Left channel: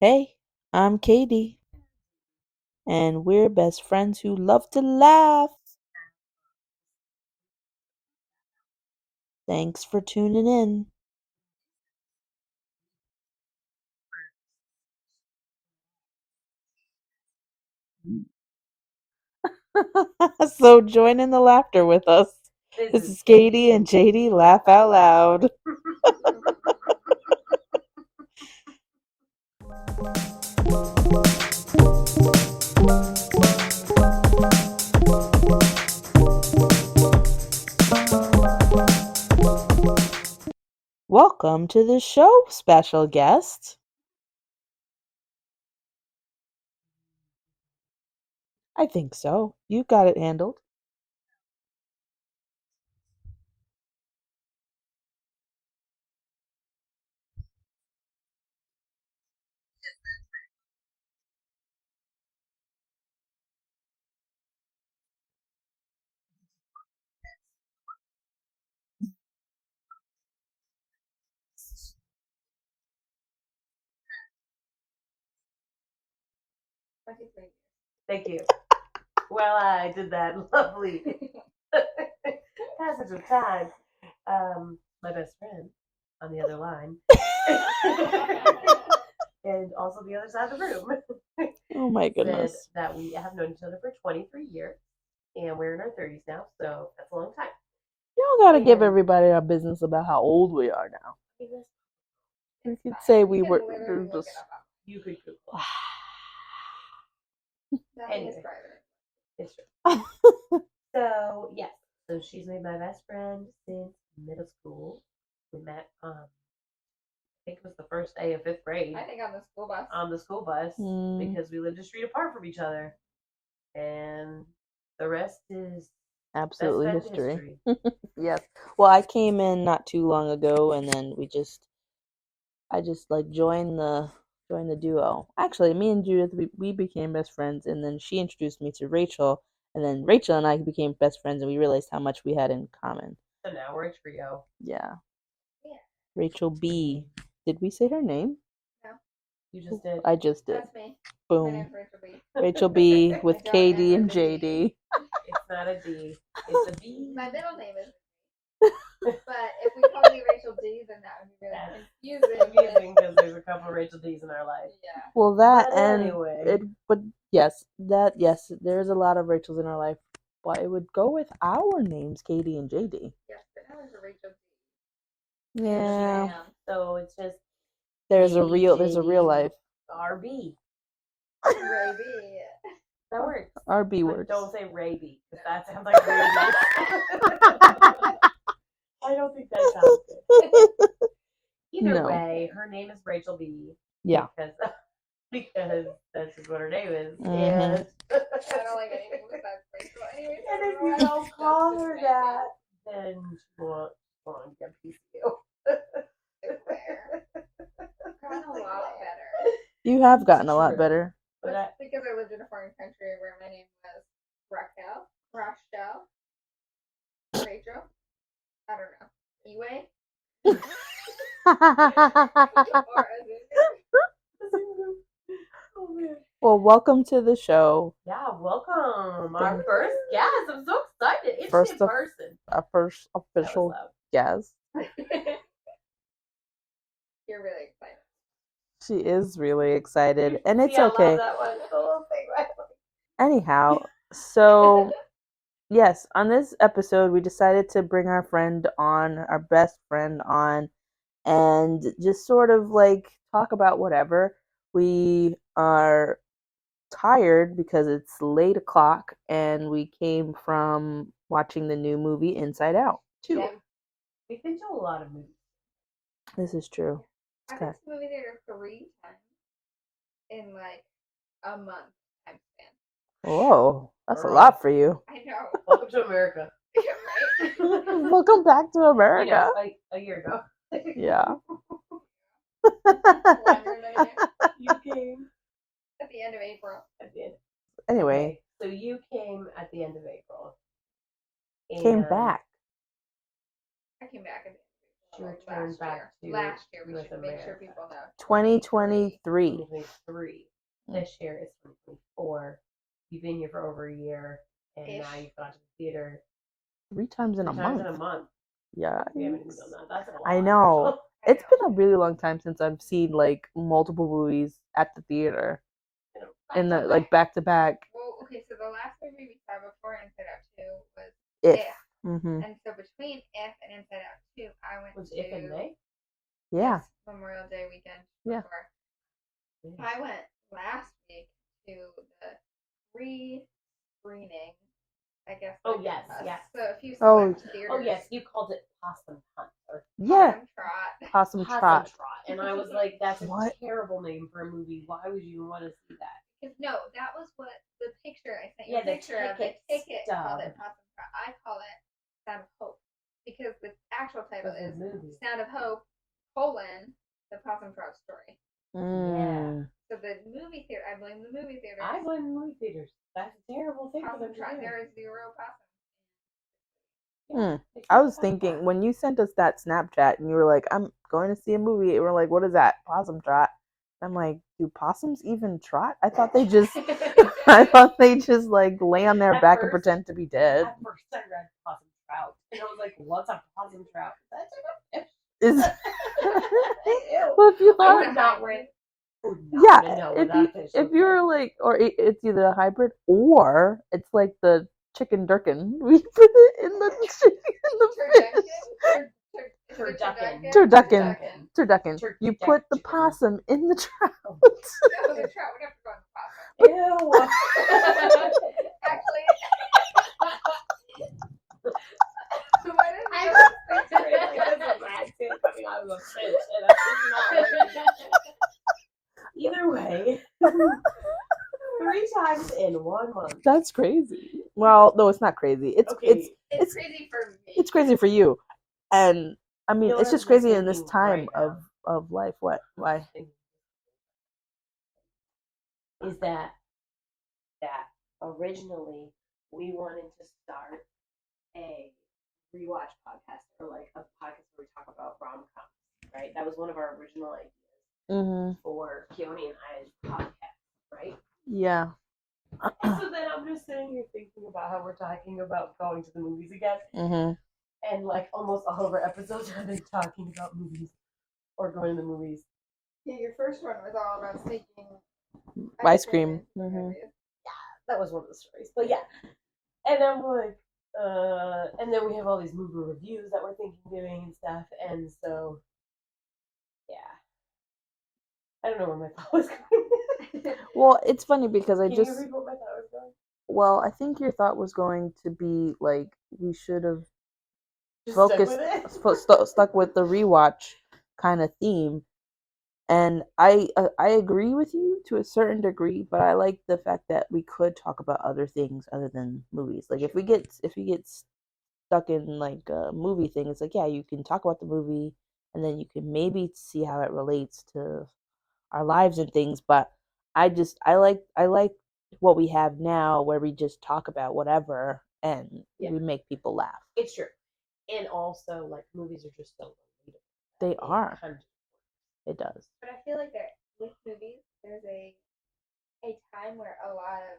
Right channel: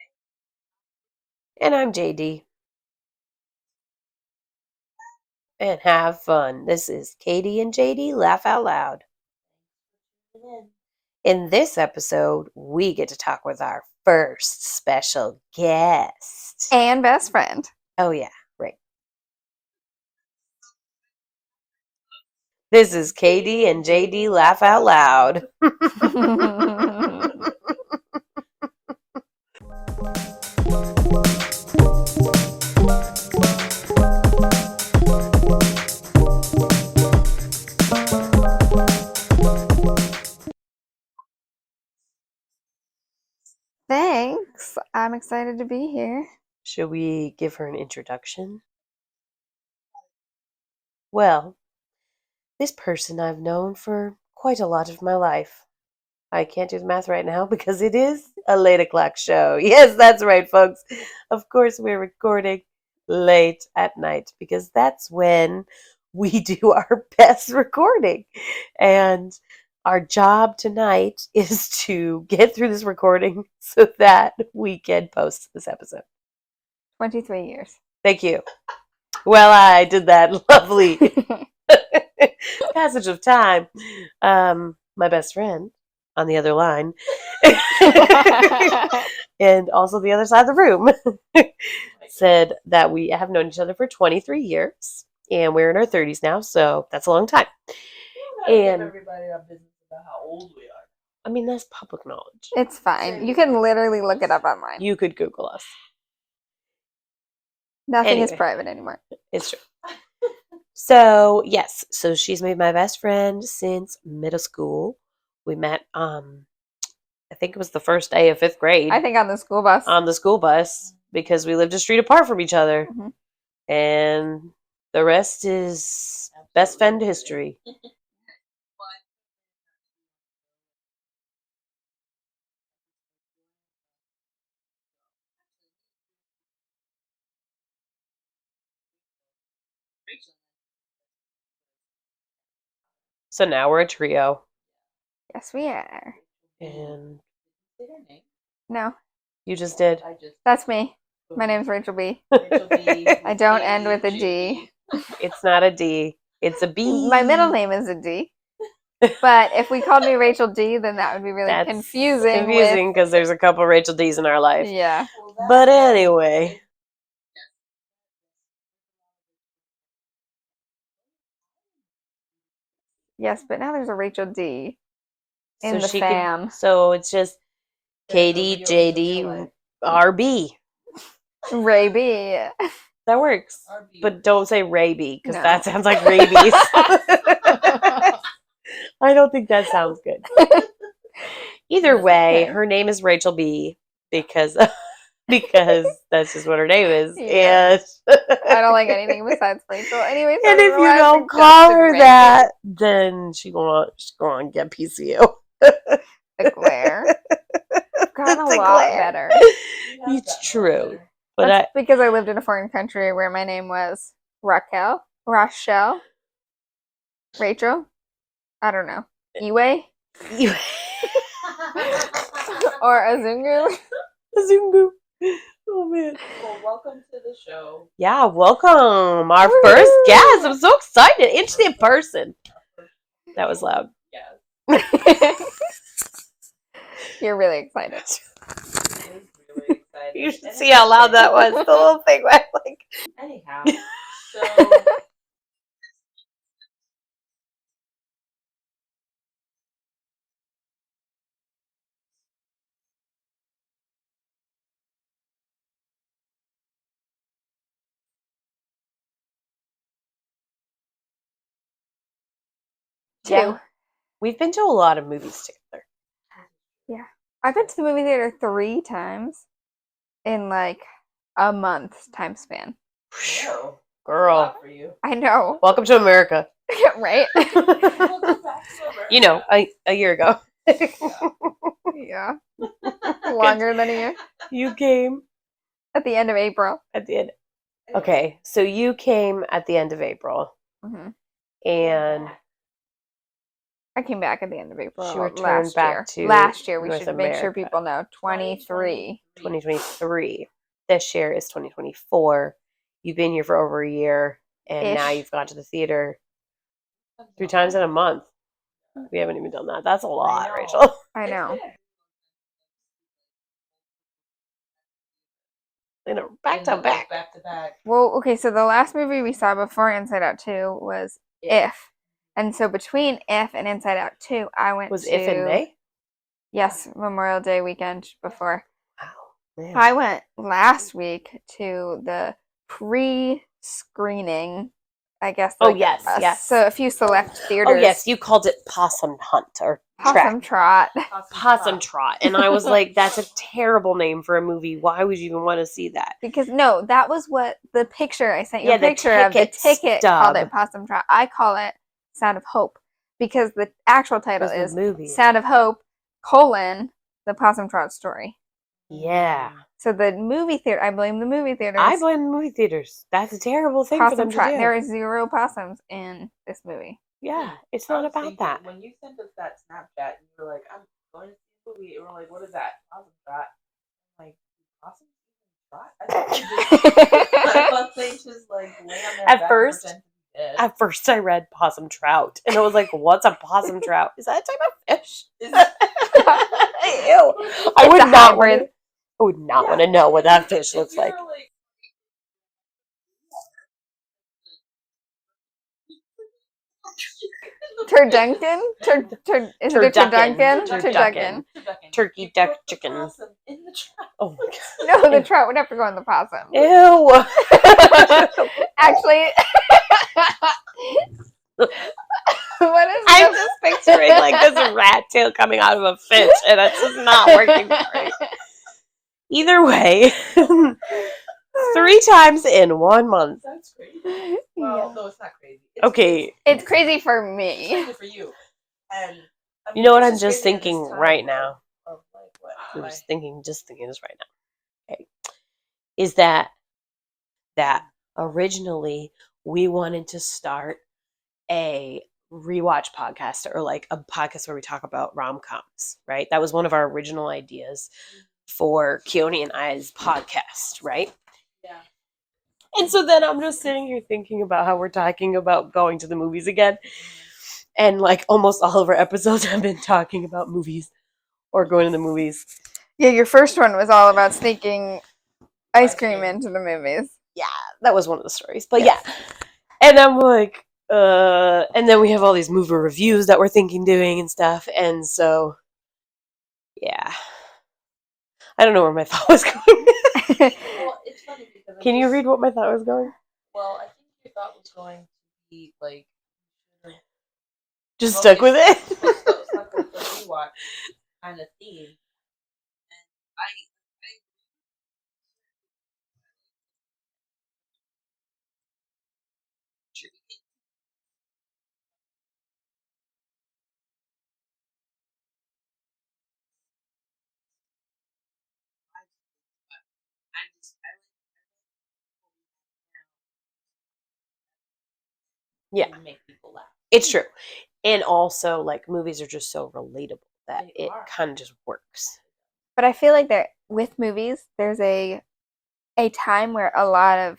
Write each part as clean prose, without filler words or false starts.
Hey, I'm Katie, And I'm JD. and we're best friends who love to laugh. And have fun. This is Katie and JD Laugh Out Loud. Thanks for tuning in. In this episode, we get to talk with our first special guest. And best friend. Oh, yeah, right. So join in the laughter with us. This is Katie and JD Laugh Out Loud. Welcome to the show, special guest. Thanks. I'm excited to be here. Should we give her an introduction? I think so. You got it handled. Well, this person I've known for quite a lot of my life. I can't do the math right now because it is a late o'clock show. Yes, that's right, folks. Of course, we're recording late at night because that's when we do our best recording. And our job tonight is to get through this recording so that we can post this episode. 23 years. Thank you. Well, I did that lovely passage of time. My best friend on the other line and also the other side of the room Oh my said goodness. that we have known each other for 23 years and we're in our 30s now, so that's a long time. You don't gotta give And- everybody our business about how old we are now. I mean, that's public knowledge. It's Say fine. You we can were- literally we look it just- up online. You could Google us. Nothing is Anyway. private anymore. It's true. So, yes. So she's made my best friend since middle school. We met, I think it was the first day of 5th grade. I think on the school bus. On the school bus because we lived a street apart from each other. Mhm. And the rest is best Absolutely friend history. history. Yes. Well, I came in not too long ago, and then I just like joined the duo. Actually, me and Judith, we became best friends, and then she introduced me to Rachel, and then Rachel and I became best friends, and we realized how much we had in common. So now we're a trio. Yeah. Yes, we are. Rachel B. And Did we say her name? No, you just did. I just that's did. me. Boom. My name's Rachel B. Rachel B. I with don't KD end with and a D. JD. It's not a D. It's a B. My middle name is a D. But if we called me Rachel D, then that would be really That's confusing. confusing because there's a couple Rachel D's in our life. Yeah. Well, that. But and anyway. but yes, there's a lot of Rachels in our life, but it would go with our names, Katie and JD. Yes, but now there's a Rachel D. So In the she fam. So it's just There's a Katie, there's a JD, real life. RB. Ray B. That works. RB But works. don't say Raby because No. that sounds like rabies. I don't think that sounds good. Either No. way, Okay. her name is Rachel B Yeah. because that's just what her name is. Yeah. And I don't like anything besides Rachel. Anyways, And if you don't call her that, then she's gonna get PCU. The glare. Gotten a The lot glare. better. You have It's gotten a lot true. better. But That's because I lived in a foreign country where my name was Raquel, Rachel, Rachel. I don't know. Iwe you or Azungu. Zungu. Oh man. Well, welcome to the show. Yeah, welcome. Our first guest. I'm so excited. Interesting First of- person. Our first That was official loud. Jazz. You're really excited. She is really excited. You should and see it's how loud okay. that was. The whole thing went like. Anyhow, so yes, on this episode, we decided to bring our friend on, our best friend on, and just sort of like talk about whatever. We are tired because it's late o'clock, and we came from watching the new movie Inside Out. Yeah. We've been to a lot of movies together. This is true. Yeah. I've been to the movie theater 3 times in like a month time span. Whoa, that's Girl. a lot for you. I know. Welcome to America. Right? Welcome back to America. You know, a year ago. Yeah. Yeah. Longer than a year. You came At the end of April. at the end. Anyway, Okay, so you came at the end of April. Mhm. came And back. I came back at the end of April She returned back year. to Last year, we North should make sure America. people know. 23. 2023. This year is 2024. You've been here for over a year, and now Ish. you've gone to the theater 3 times three in a times in a month. month. Yeah. We haven't even done that. That's a lot, I know. Rachel. I It's know. been a really long time since I've seen like multiple movies at the theater. Back to back. Like back to back. Well, okay, so the last movie we saw before Inside Out 2 was If. Mm-hmm. And so between If and Inside Out 2, I went Was to... If in May? Yes, Memorial Day weekend before. Wow. Man. I went last week to the pre-screening, I guess. Oh, like, yes. So a few select theaters. Oh, yes, you called it Possum Hunt or Possum Trot. Possum Trot. And I was like, that's a What? terrible name for a movie. Why would you even want to see that? Because, no, that was what the picture, I sent you Yeah, a the picture of. The ticket stub. called it Possum Trot. I call it Sound of Hope. Because the actual title Because is the movie. Sound of Hope, the Possum Trot story. Yeah. So the movie theater, I blame the movie theaters. I blame the movie theaters. That's a terrible thing for them to do. There are 0 possums in this movie. Yeah, it's I not was about thinking that. when you sent us that Snapchat and you were like, "I'm going to see a movie," and we're like, "What is that? Possum trot?" I'm like, "Do possums even trot?" I thought they just like lay on their At back first- and pretend to be dead. At first, I read possum trout, and I was like, "What's a possum trout? Is that a type of fish?" Ew. I would not want to know what that fish looks If you're like. like, or it's either a hybrid or it's like the chicken durkin. We put it in the chicken. Turduncan? Is it a Turducken. turducken? Turducken. Turkey You duck put the chicken. possum in the trap. Oh my God. No, the trout would have to go in the possum. Ew. Actually, what is I'm this? just picturing like this rat tail coming out of a fish, and it's just not working for me. Either way, 3 times in 1 month. That's crazy. Well, no, it's not crazy. It's crazy for me. It's crazy for you. And I mean, You know what it's I'm just crazy in this thinking time right now? of life. What? I'm Why? just thinking this right now. Okay. Is that originally we wanted to start a rewatch podcast or like a podcast where we talk about rom-coms, right? That was one of our original ideas for Keone and I's podcast, right? Yeah. And so then I'm just sitting here thinking about how we're talking about going to the movies again. And like almost all of our episodes have been talking about movies or going to the movies. Yeah, your first one was all about sneaking ice cream into the movies. Yeah, that was one of the stories. But yeah. And I'm like, and then we have all these movie reviews that we're thinking doing and stuff. And so, yeah. I don't know where my thought was going. Well, it's funny because Can you read what my thought was going? Well, I think your thought was going to be like we should have just stuck with it. Stuck with the rewatch kind of theme. And I agree with you to a certain degree, but I like the fact that we could talk about other things other than movies. Like if we get stuck in like a movie thing, it's like, yeah, you can talk about the movie and then you can maybe see how it relates to our lives and things, but I like what we have now where we just talk about whatever and we make people laugh. It's true. And also like movies are just so relatable. It kind of just works. It does. But I feel like that with movies, there's a time where a lot of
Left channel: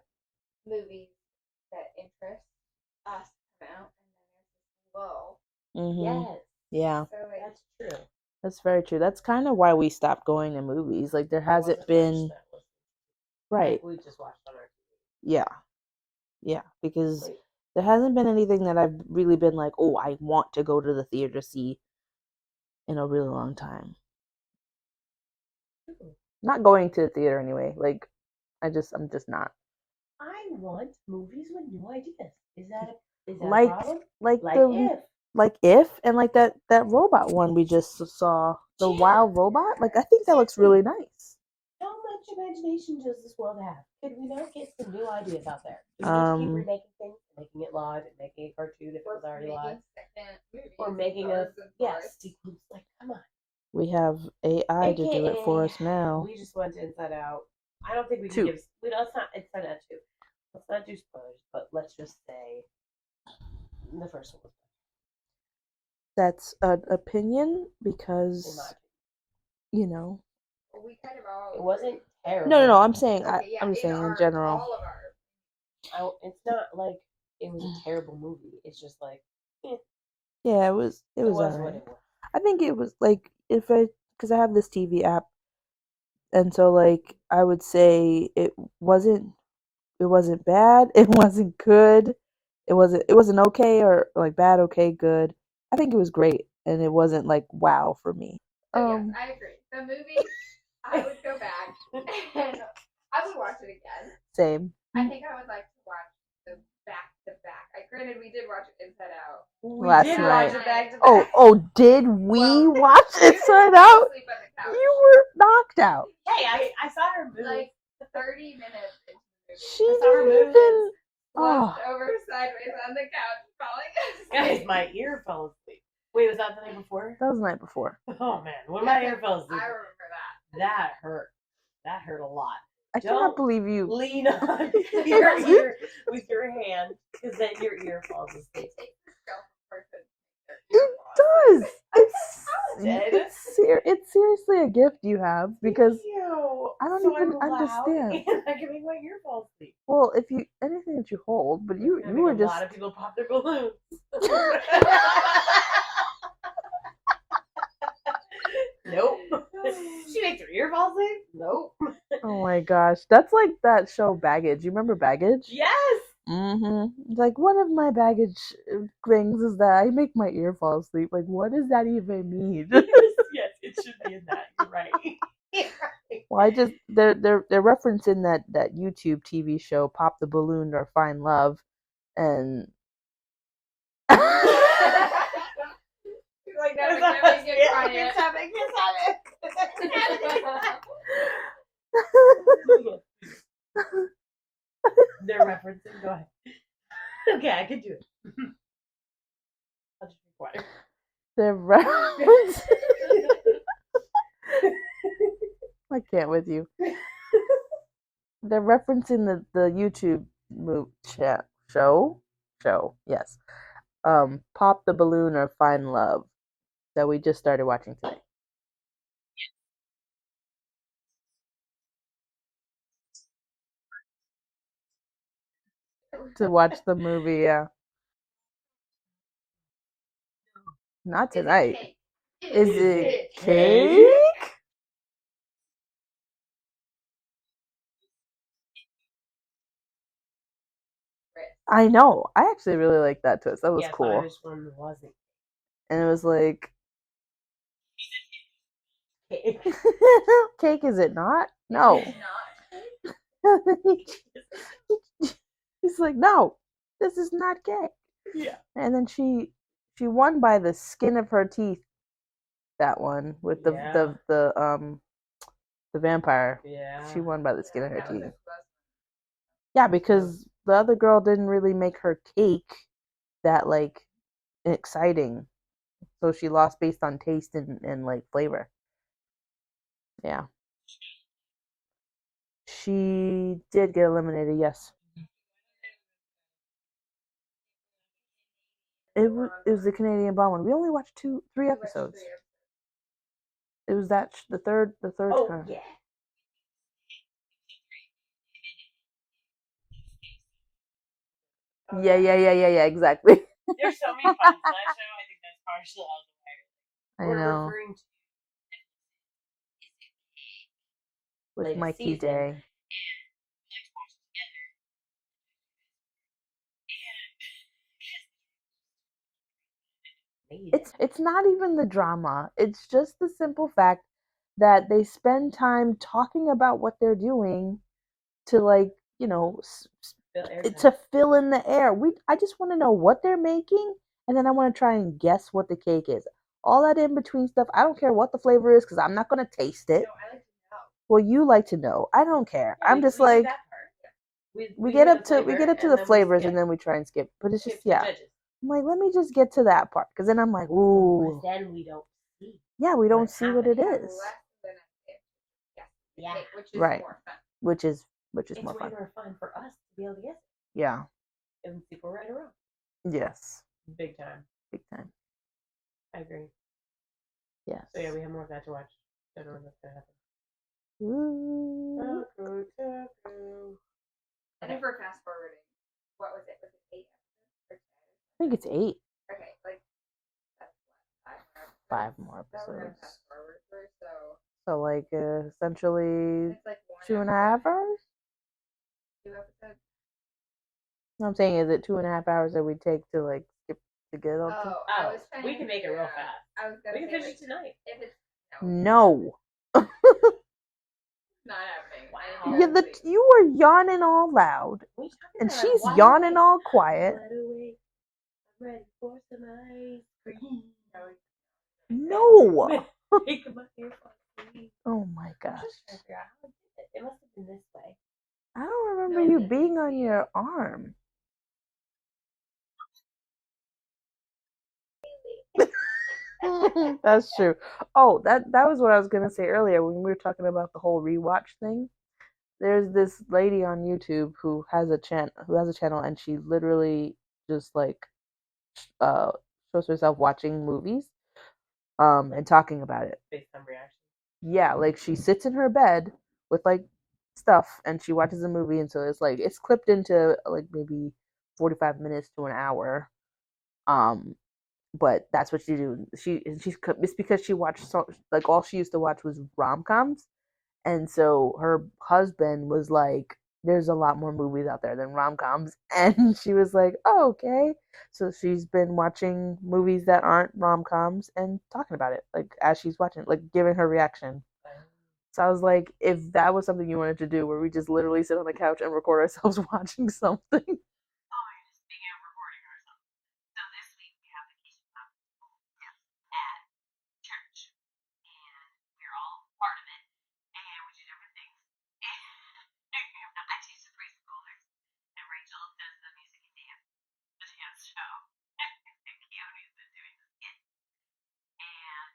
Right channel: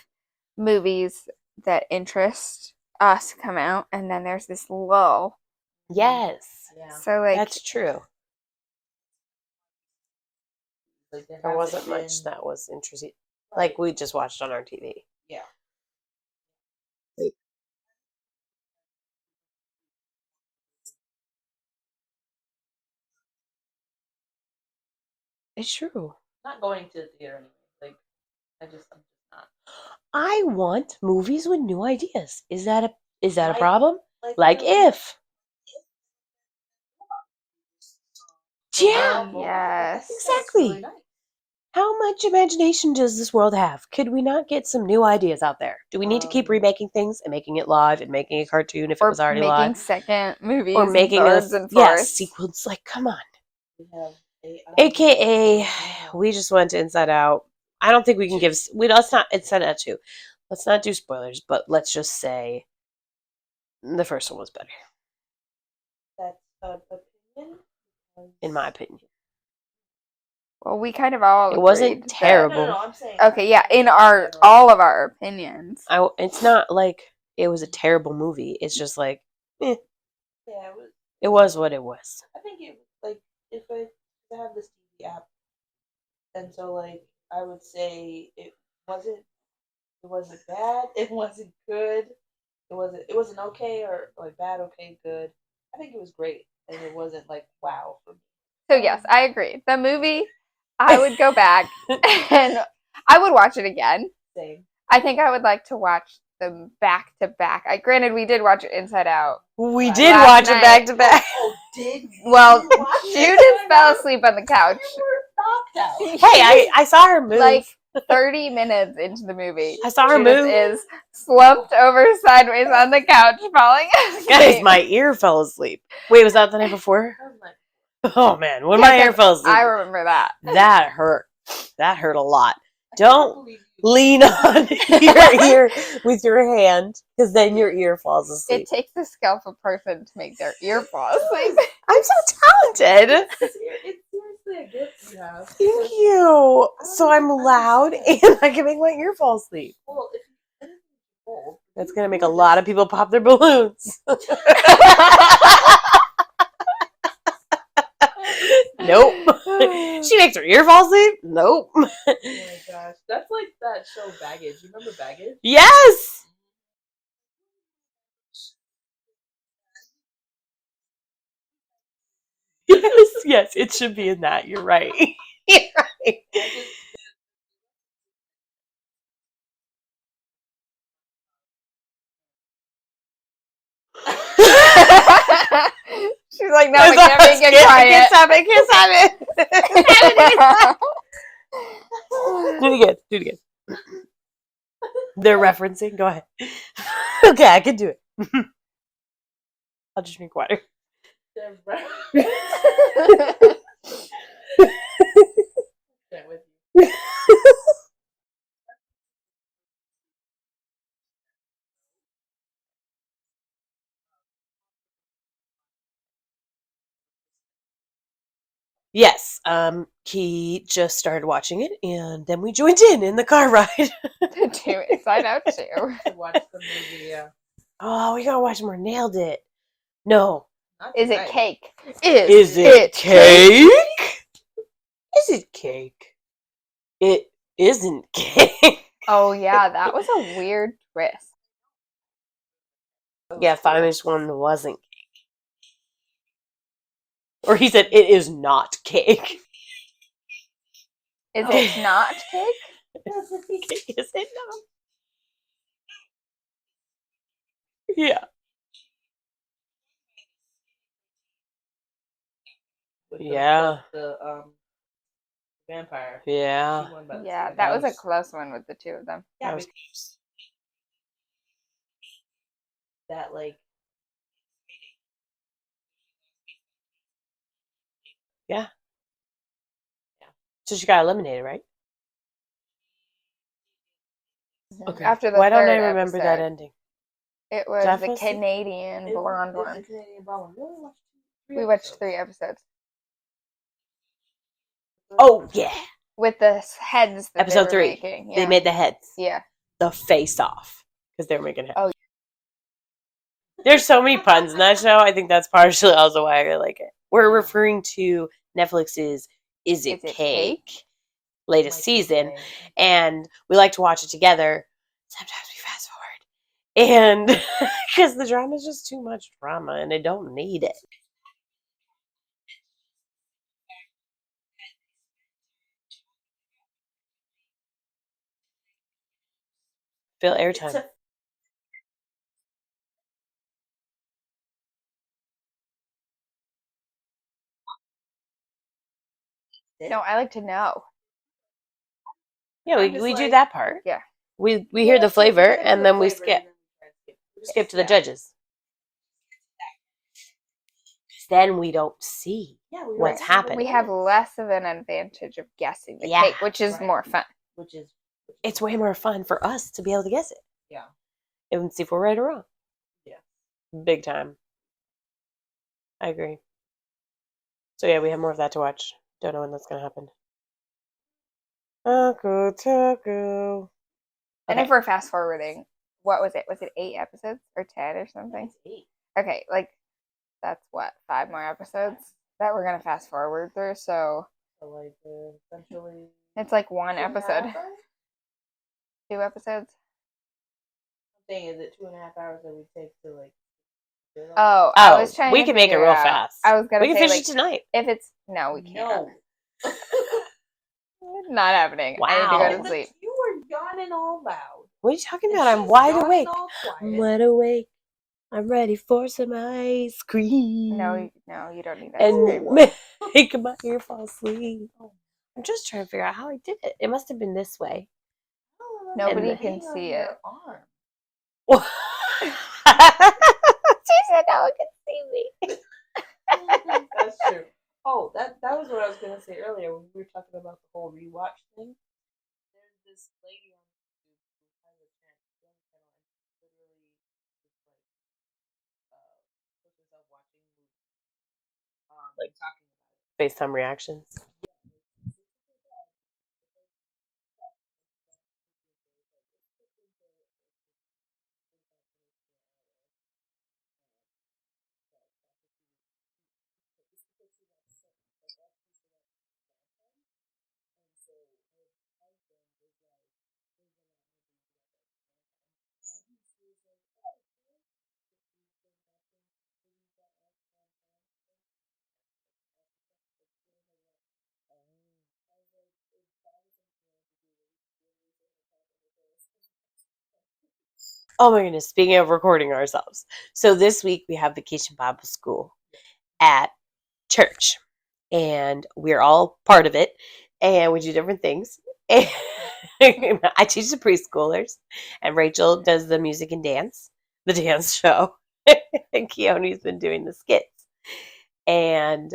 movies that interest us come out, and then there's this lull. Yes. Yeah. So like that's true. That's very true. That's kind of why we stopped going to movies. Like there hasn't been much that was interesting. Right. Like we just watched on our TV. Yeah. Yeah, because there hasn't been anything that I've really been like, oh, I want to go to the theater to see in a really long time. It's true. Not going to the theater anyway. Like I'm just not. I want movies with new ideas. Is that a problem? Like If and like that robot one we just saw. The wild robot. Like I think that looks really nice. How much imagination does this world have? Could we not get some new ideas out there? Do we need to keep remaking things and making it live and making a cartoon if it was already live? Making second movies or making sequels? Like, come on. We have AI. AKA, we just went to Inside Out. I don't think we can let's not Inside Out 2. Let's not do spoilers, but let's just say the first one was better. That's an opinion because, in my opinion. you know, Well, we kind of all It wasn't agreed that- terrible. no, I'm saying Okay, yeah, I'm in saying our general. all of our opinions. It's not like it was a terrible movie. It's just like, Yeah, it was what alright. it was. I think it was like because I have this TV app, and so like I would say it wasn't bad, it wasn't good, it wasn't okay or like bad, okay, good. I think it was great, and it wasn't like wow for me. So yes, I agree. The movie, I would go back and I would watch it again. Same. I think I would like to watch them back to back. Granted, we did watch it Inside Out. We Last did night. watch it back to back. Oh, did we Well, watch Judith it? fell asleep on the couch. You were knocked out. Hey, I saw her move. Like 30 minutes into the movie. I saw her Judith move. is slumped over sideways on the couch, falling asleep. Guys, my ear fell asleep. Wait, was that the night before? That was the night before. Oh man, when my ear fell asleep, I remember that. that hurt. That hurt a lot. I cannot Don't believe you. lean on your ear with your hand, because then your ear falls asleep. It takes a skillful person to make their ear fall asleep. I'm so talented. It's seriously a gift you have Thank because you. I don't So I'm even loud understand. and I can make my ear fall asleep. well, if you anything that you hold, but That's you, gonna make you a were lot just- of people pop their balloons. Nope. She makes her ear fall asleep? Nope. Oh my gosh, that's like that show Baggage. You remember Baggage? Yes. Mm-hmm. Like one of my baggage things is that I make my ear fall asleep. Like, what does that even mean? Yes, it should be in that. You're right. You're right. Well, I just they're referencing that YouTube TV show Pop the Balloon or Find Love, and She's like, no, I can't make it quiet. Can't stop it. Do it again. They're referencing. Go ahead. Okay, I can do it. I'll just drink water. they're referencing. I can't with you. They're referencing the YouTube show. Yes. Pop the Balloon or Find Love that we just started watching today. Yes. He just started watching it, and then we joined in the car ride. To Inside Out too. To watch the movie, yeah. Oh, we gotta watch more. Nailed it. No. Is it Not cake? tonight. Is it cake? Is it cake? It isn't cake. Oh yeah, that was a weird twist. I know. I actually really like that. Yeah, That was finally cool. someone wasn't. And it was like, Or he said, it is not cake. cake, is it not? Is it No. not cake? Is it not? He's like, no, this is not cake. Yeah. And then she won by the skin of her teeth. That one. Yeah. The vampire. Yeah. She won Yeah, by the that skin was of a her close teeth. one with the two of them. Yeah, because the other girl didn't really make her cake that like exciting. So she lost based on taste and like flavor. Yeah. So she got eliminated, right? She did get eliminated, yes. Okay. After the Why don't I third remember that episode. ending? It was Did I the fall asleep? Canadian It blonde was one. the Canadian blonde one. We only watched We watched 3 episodes. It was the third. Oh, time. yeah. With the heads that Episode they were 3. making. They Yeah. made the heads. Yeah. The face off. Because they were making heads. Oh Yeah, exactly. There's so many puns in that show. I think that's partially also why I really like it. We're I know. referring to Netflix's Is It Cake? Latest My season. TJ. And we like to watch it together. Sometimes we fast forward. And because the drama is just too much drama and they don't need it. It's not even the drama. It's just the simple fact that they spend time talking about what they're doing to like, you know, Spill airtime. to fill in the air. I just want to know what they're making, and then I want to try and guess what the cake is. All that in between stuff, I don't care what the flavor is because I'm not going to taste No, it. I like to know. Well, you like to know. I don't care. Yeah, I'm we just do like, that part. Yeah. We we hear get the up to- flavor we get and into then the we flavors skip, and then we try and skip. But skip it's to the just- yeah. judges. I'm like, let me just get to that part because then I'm like, ooh. Then we don't see Yeah, we what's don't see happening. what We it have is. less of an advantage of guessing the Yeah. cake, which is Right. more fun. which is It's way more fun for us to be able to guess it. yeah. And see if we're right or wrong. Yes. Big time. Big time. I agree. Yeah. So yeah, we have more of that to watch. Don't know when that's gonna happen. Ooh. Taco. And if we're fast forwarding, what was it? Was it 8 episodes or 10 or I something? think it's 8. Okay, like that's what, 5 more episodes 5 more that we're gonna episodes. fast forward through. So So like essentially it's like 1 2.5 episode, hours. 2 episodes. I'm saying, is it 2.5 hours that we take to like skip to get? Oh, I was trying. We to can make it figure real out- fast. I was gonna We can say finish like it tonight. if it's no, we can't. No. Not happening. Wow. I need to go to Because sleep. you were yawning all loud. What are you talking about? And I'm she's wide yawning awake. all quiet. Wide awake. I'm ready for some ice cream. No, you don't need that. No. Make my ear fall asleep. Oh my god. I'm just trying to figure out how I did it. It must have been this way. I don't Nobody remember you can being see on it. your arm. She said no one can see me. That's true. Oh, that was what I was gonna say earlier when we were talking about the whole rewatch thing. There's this lady on YouTube who has a channel, and she literally just like shows herself watching movies and talking about it. FaceTime reactions. Yeah, like she sits in her bed with like stuff and she watches a movie, and so it's clipped into like maybe 45 minutes to an hour. But that's what she do. It's because she watched like all she used to watch was rom-coms, and so her husband was like, there's a lot more movies out there than rom-coms, and she was like, oh, okay. So she's been watching movies that aren't rom-coms and talking about it like as she's watching, like giving her reaction. So I was like, if that was something you wanted to do, where we just literally sit on the couch and record ourselves watching something. Oh my goodness. Speaking of recording ourselves. So this week we have Vacation Bible School at church. And we're all part of it. And we do different things. And I teach the preschoolers. And Rachel does the music and dance, the dance show. And Keone's been doing the skits. And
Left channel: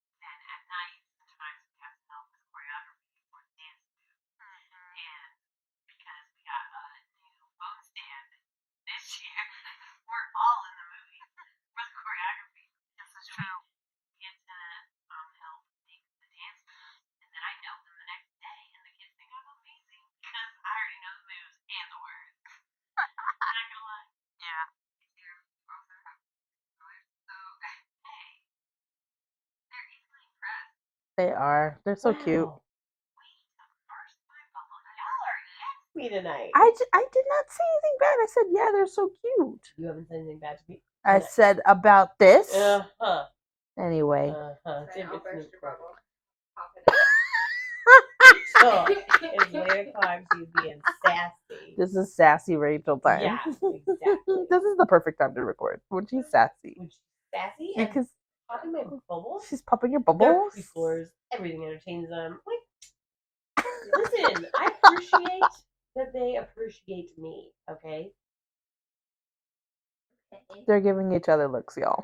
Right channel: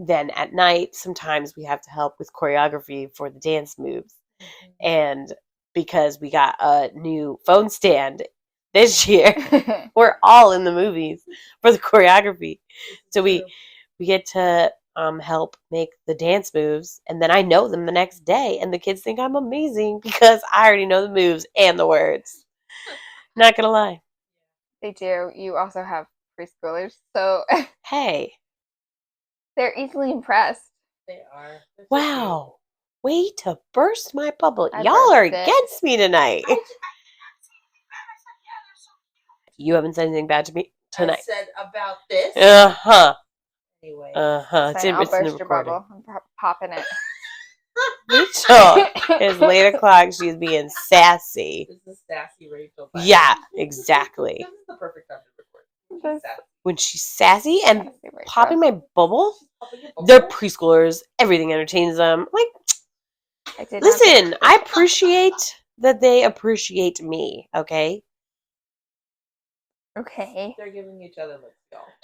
then at night, sometimes we have to help with choreography for the dance moves. And because we got a new phone stand this year, we're all in the movies for the choreography. So we get to help make the dance moves, and then I know them the next day, and the kids think I'm amazing because I already know the moves and the words. Not gonna lie. They do. You also have preschoolers, so Hey. they're easily impressed. They are. They're so cute. Wow. Way to burst my bubble. I Y'all are burst it. against me tonight. I did not say anything bad. I said, yeah, they're so cute. You haven't said anything bad to me I tonight. said about this. Uh-huh. Anyway. Uh-huh. It's Fine, in, I'll it's in the burst your recording. bubble. Popping it. Rachel, it's late o'clock. She's being sassy. This is sassy Rachel. Yeah, exactly. This is the perfect time to record. When she's sassy. When she's sassy and Because popping my bubble, she's popping your they're bubble. preschoolers. Everything entertains them. Like, I did not- listen, I appreciate that they appreciate me, okay? Okay. They're giving each other looks, y'all.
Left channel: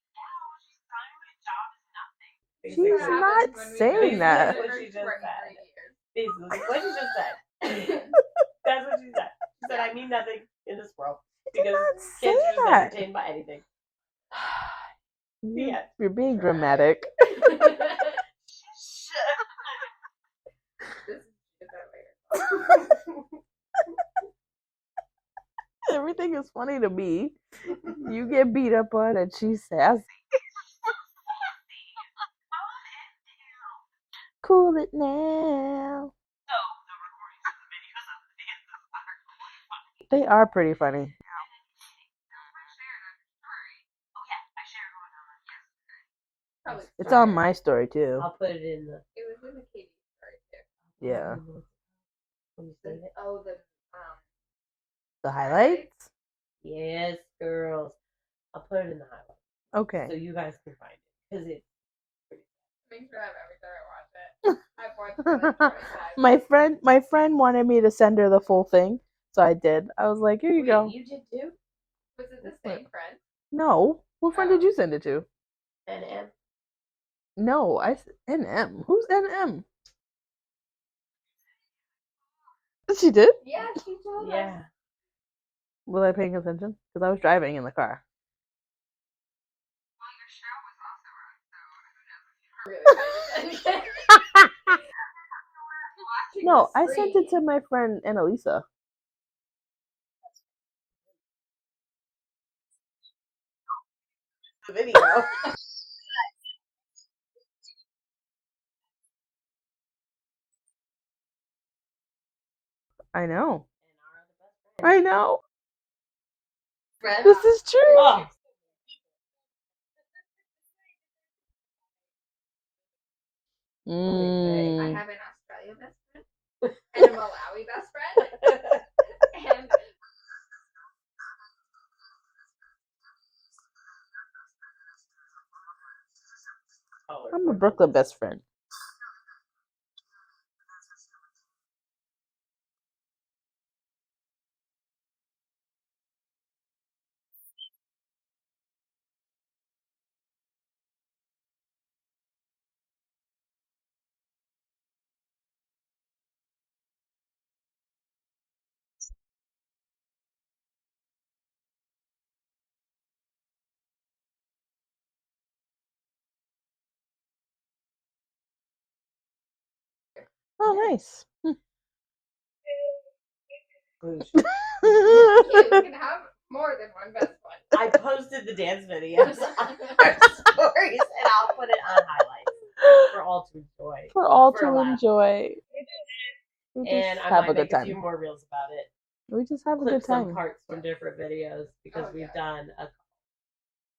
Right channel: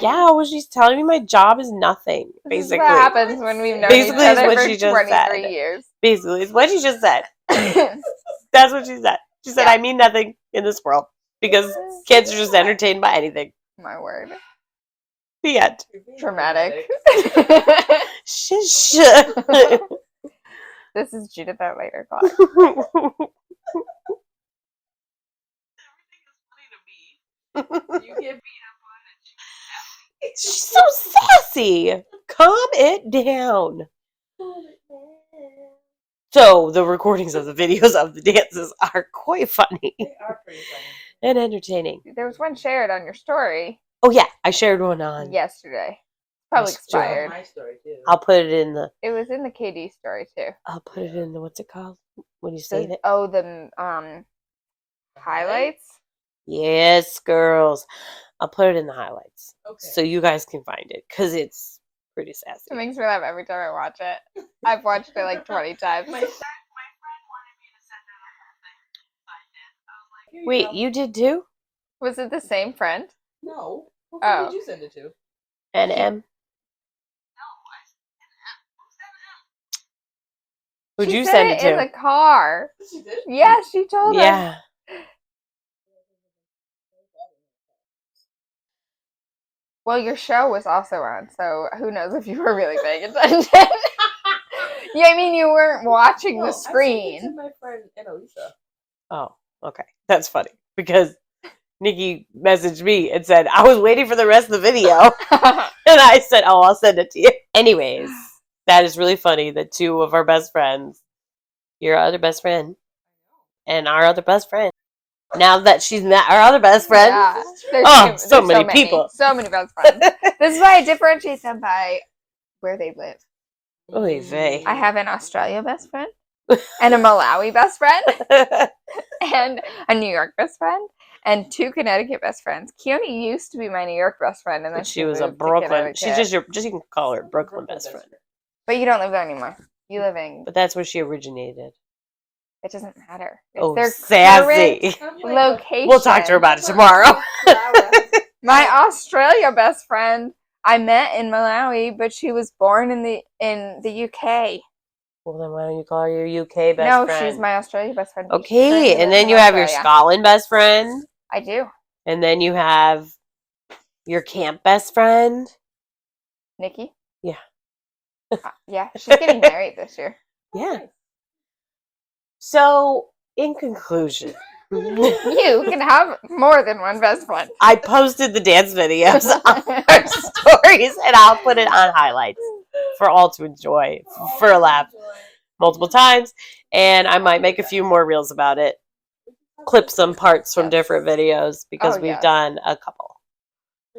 Yeah, well, she's telling me my job is nothing, This is basically. what happens when we've known Basically, each is other what for she just 23 said. years. Basically, it's what she just said. That's what she said. She said, I mean nothing in this world because kids are just entertained by anything. My word. The end. You're being Dramatic. dramatic. Shush. This is Judith at later class. Everything is funny to me. You get beat up on and she's sassy. She's so sassy. Calm it down. Cool it now. So the recordings of the videos of the dances are quite funny They are pretty funny. and entertaining. There was one shared on your story Oh yeah, I shared one on. yesterday. Probably It's It's expired. on my story too. I'll put it in the. It was in the KD story too. I'll put it Yeah. in the. What's it called? When you save it. Oh, the highlights. Yes, girls. I'll put it in the highlights. Okay. So you guys can find it because it's pretty It sassy. makes me laugh every time I watch it. I've watched it like 20 times. My friend wanted me to send her the full thing, so I did. I was like, here Wait, you go. you did too? Was it the same friend? No. Who friend did you send it to? NM? No, NM. Who's NM? Who'd She you said send it in to? the car. She did? Yes, she told us. Yeah. Was I paying attention? Because I was driving in the car. Well, your show was also on, so who knows if you were really paying attention. Yeah, I mean, you weren't watching the No, I sent screen. it to my friend Annalisa. Oh, okay. That's funny because Nikki messaged me and said, I was waiting for the rest of the video. And I said, oh, I'll send it to you. Anyways, that is really funny that two of our best friends, your other best friend, I know. and our other best friend. I know. Now that she's met our other best friend, Yeah. This is There's oh, there's so many people. So many best friends. This is why I differentiate them by where they live. Oy vey. I have an Australia best friend, and a Malawi best friend, and a New York best friend, and 2 Connecticut best friends. Keone used to be my New York best friend, and then But she was a moved to Brooklyn. She's Connecticut. just you can call her I'm the Brooklyn, Brooklyn best friend. But you don't live there anymore. You live in. But that's where she originated. It doesn't matter. It's Oh, their sassy. current location. We'll talk to her about it tomorrow. My Australia best friend I met in Malawi, but she was born in the UK. Well, then why don't you call her your UK best No, friend? she's my Australia best friend. She Okay, currently and lives then in you have your Australia. Scotland best friend, I do. and then you have your camp best friend. Nikki? Yeah. Yeah, she's getting married this year. Yeah, nice. So, in conclusion, You can have more than one best friend. I posted the dance videos on our stories, and I'll put it on highlights for all to enjoy for a laugh Enjoy. multiple times, and I might Have a make a good few time. more reels about it. We just have a Clip good some time. parts from different videos because Oh, we've yeah. done a couple.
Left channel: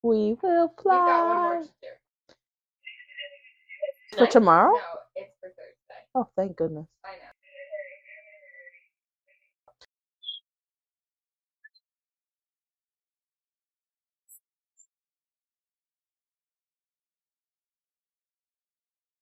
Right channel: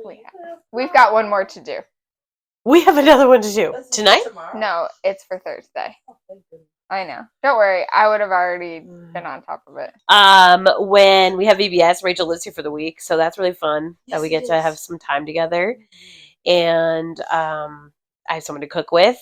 We've got one more to do. We have another one to do For tonight. tomorrow? No, it's for Thursday. Oh, thank goodness. I know. Don't worry. I would have already been on top of it. When we have VBS, Rachel lives here for the week, so that's really fun that we get to have some time together. And I have someone to cook with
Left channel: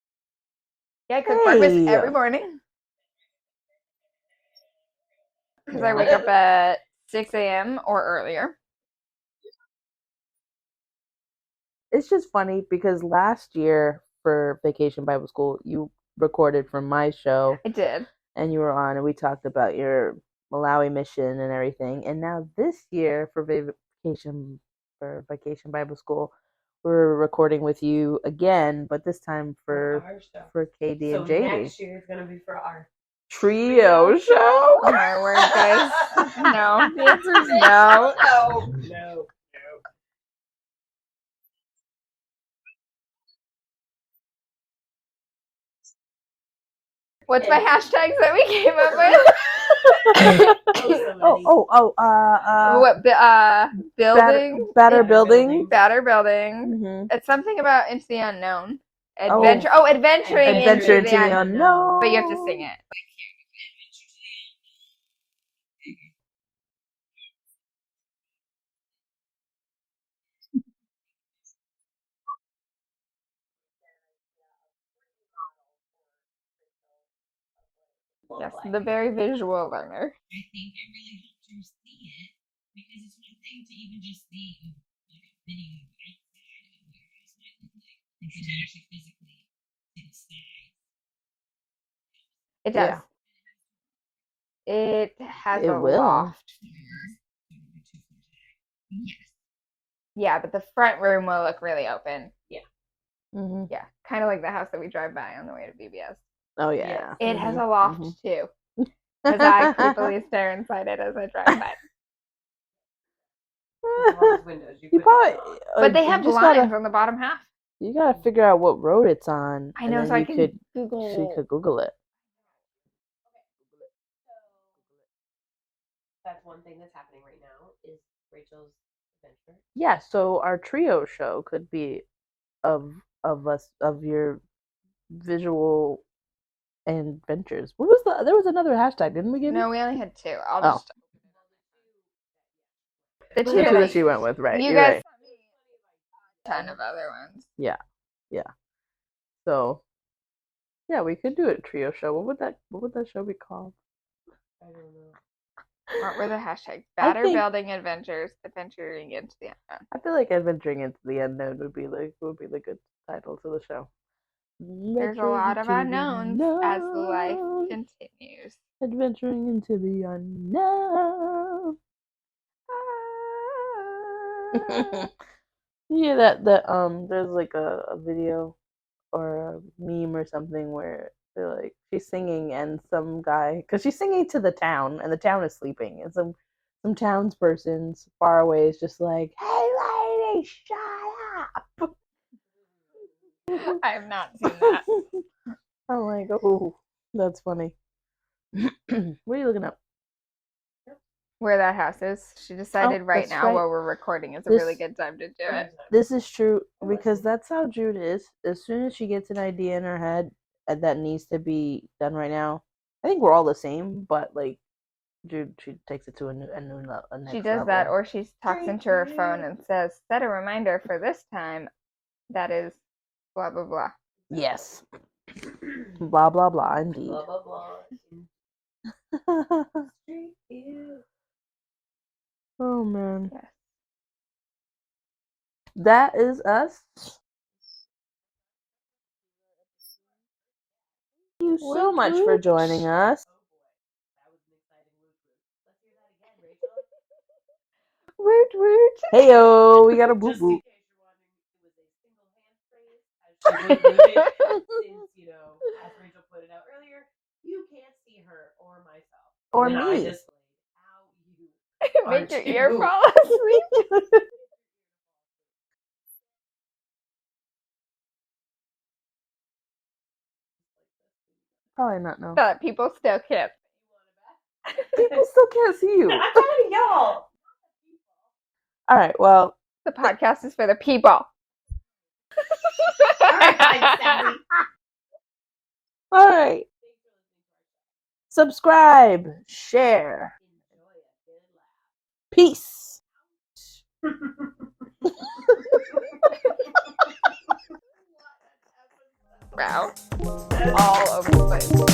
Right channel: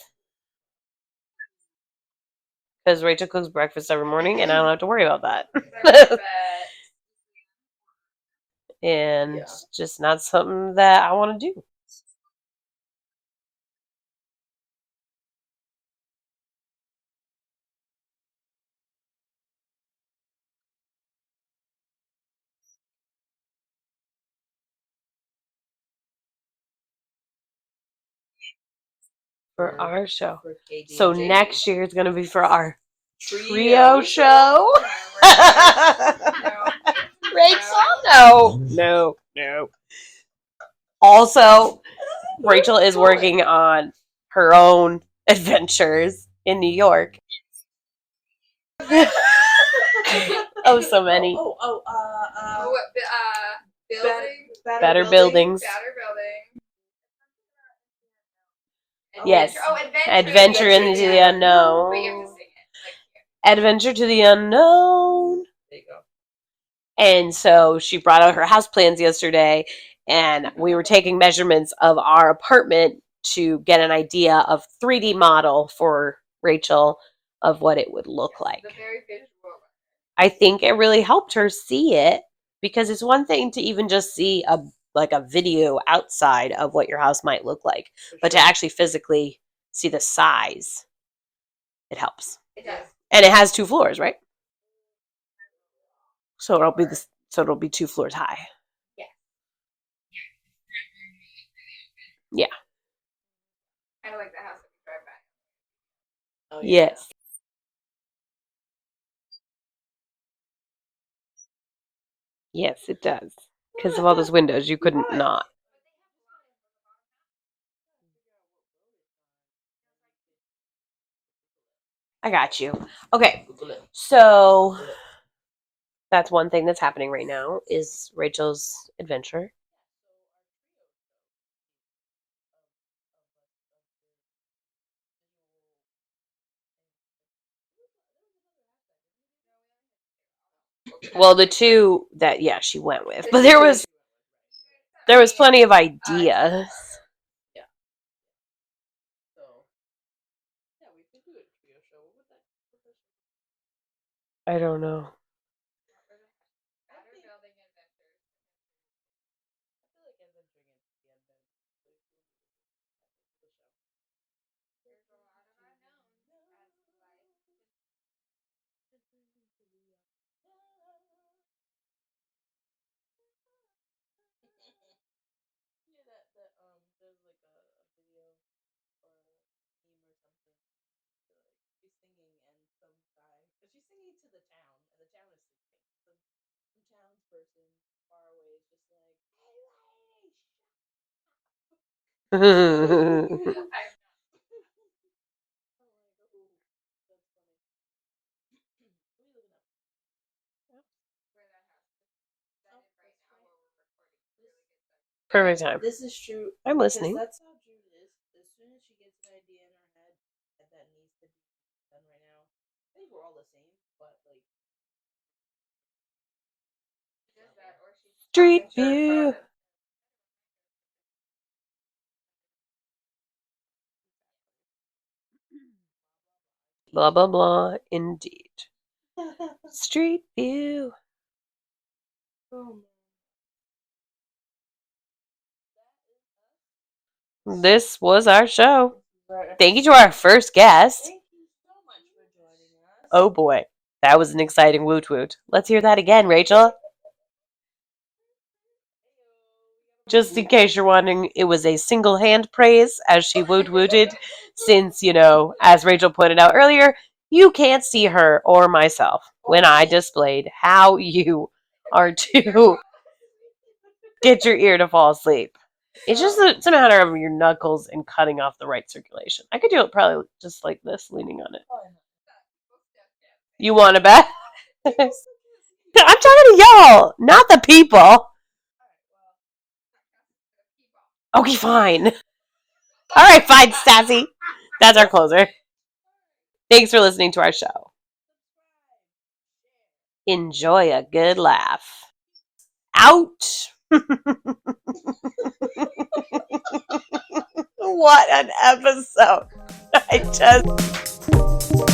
Yeah, I cook breakfast Hey. every morning. because Rachel cooks breakfast every morning, and I don't have to worry about I wake that. up at 6 a.m. or earlier. And it's just not something that I want to do. It's just funny because last year for Vacation Bible School, you recorded from my show I did. and you were on and we talked about your Malawi mission and everything. And now this year for Vacation Bible School, we're recording with you again, but this time For our show. For So KDJD. next year it's going to be for our Trio trio show. No. Also, Rachel is working on her own adventures in New York. What's my hashtags that we came up with? Oh, so many. Building. Better buildings. Better building. Mm-hmm. It's something about into the unknown. Yes. Adventure into the unknown. But you have to sing it. Adventure to the unknown. And so she brought out her house plans yesterday, and we were taking measurements of our apartment to get an idea of 3D model for Rachel of what it would look like. The very visual learner. I think it really helped her see it because it's one thing to even just see a video outside of what your house might look like, but to actually physically see the size, it helps. It does. And it has 2 floors, right? It has It a will. loft. So it'll be 2 floors high. Yeah, but the front room will look really open. Yeah. Mm-hmm. Yeah, kind of like the house that we drive by on the way to BBS. Oh, Yes. It has Mhm, a loft mhm. too, because I creepily stare inside it as I drive by. Yes, it does. Because of all those windows, you couldn't not. But they have just blinds on the bottom half. You gotta figure out what road it's on. I and know, then so I you can could, Google. so you could Google it. I got you. Okay. So that's one thing that's happening right now is Rachel's adventure. Yeah, so our trio show could be of us of your visual adventures. What was there was another hashtag, didn't we give No, you? we only had 2. I'll just. Well, the 2 that she went with, but there Yeah, was that she went with, right? You You're guys- right. there was plenty of Ton ideas. of other ones. Yeah. So yeah, we could do a trio show. What would that show be called? I don't know. What were the hashtags? I Batter think- building adventures, adventuring into the unknown. I feel like adventuring into the unknown would be the good title to the show. There's a lot of unknowns as life continues. Adventuring into the unknown. Yeah, that there's like a video or a meme or something where they're like she's singing and some guy because she's singing to the town and the town is sleeping and some townsperson far away is just like, "Hey, lady, shut up." I have not seen that. I'm like, oh, that's funny. What are you looking up? Where that house is. She decided right that's now right. while we're recording is a This- really good time to do Perfect it. time. This is true I'm listening. because that's how Jude is. As soon as she gets an idea in her head that needs to be done right now, I think we're all the same, but like Jude, she takes it to a next She does level. that, or she Street talks into her view. phone and says, "Set a reminder for this time." That is blah blah blah. Yes. Blah blah blah. Indeed. Blah blah blah. Indeed. Street view. Oh man. Yes. That is us. This was our show. Thank you to our first guest. Thank you so much for joining us. Oh boy, that was an exciting woot woot. Let's hear that again, Rachel. Woot woot. Heyo, we got a Just in case you're wondering, it was a single hand praise as she woot wooted. Since, as Rachel pointed out earlier, you can't see her or myself when Or I me. displayed how you are Make your ear to fall asleep. get your ear to fall asleep. It's just it's a matter of your knuckles and cutting off the right circulation. I could do it probably just like this, leaning on it. Probably not. No. But people still can't. You want to bet? People still can't see you. I'm talking to y'all, not the people. All right. Well. The podcast is for the people. Okay, fine. All right, fine, Sassy. That's our closer. All right. Thanks for listening to our show. Subscribe. Share. Enjoy a good laugh. Peace. Out. What an episode. Wow. I just All over the place.